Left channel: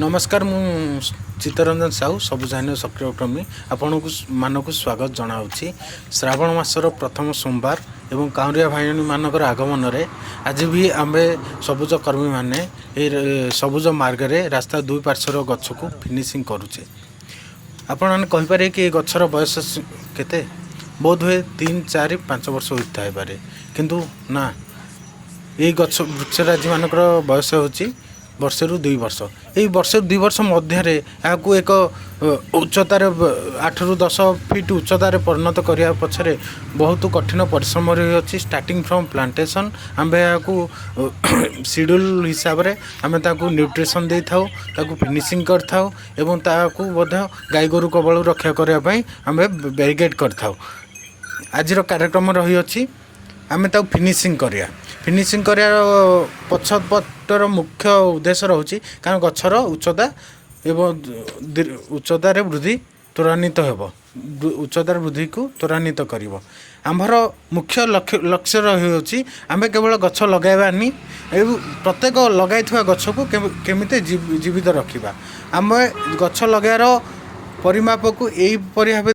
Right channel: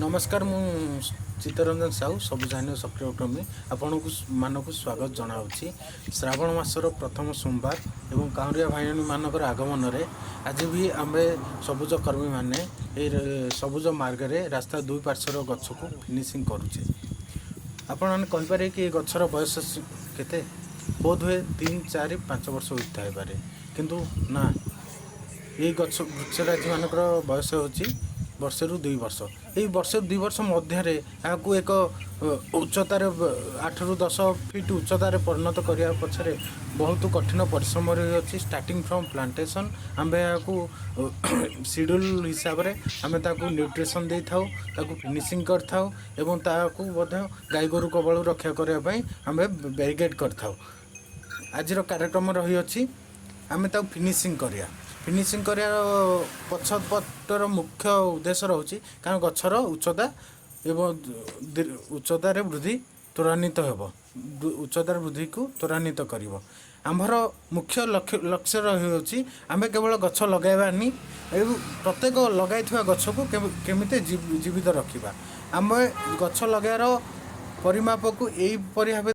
नमस्कार मु चित्तरंजन साहू सबुजाइन सक्रिय उद्यमी आपको मानक स्वागत जनावि। श्रावण मासर प्रथम सोमवार एवं काउरिया भाई मानकर आगमन में आज भी आम सबुज कर्मी मैंने सबुज मार्ग में रास्ता दुई पार्श्वर गछ को फिनिशिंग करुचे। आपण कहीपर कि गचर बयस केते बोध हुए 3, 4, 5 वर्ष होता है पारे, किंतु ना ये गछ वृक्षराजी मानकर बयस होची वर्ष रु 2 वर्ष। यही वर्ष 2 वर्ष मध्य आपको एक उच्चतार 8 ରୁ 10 फीट उच्चतार परिणत करने पछरे बहुत कठिन परिश्रम रही अच्छी। स्टार्टिंग फ्रॉम प्लांटेशन आम यहाँ शेड्यूल हिसाब से आम न्यूट्रिशन दे था फिनिशिंग कर था एवं ताकू गाई गोरु कबल रक्षा करने आम बैरिकेड कर था। आज कार्यक्रम रही अच्छी आम फिनिशिंग करिया। फिनिशिंग करार पछपटर मुख्य उद्देश्य रोचे कारण गचर उच्चता एवं उच्चतार वृद्धि त्वरान्वित हो उच्चतार वृद्धि को त्वरान्वित कर आमर मुख्य लक्ष्य रही आम केवल गछ लगाइबानी प्रत्येक लगाई गछ को केमिति जीवित रखा। आम गछ लगार परिमाप को यहीपरि भाव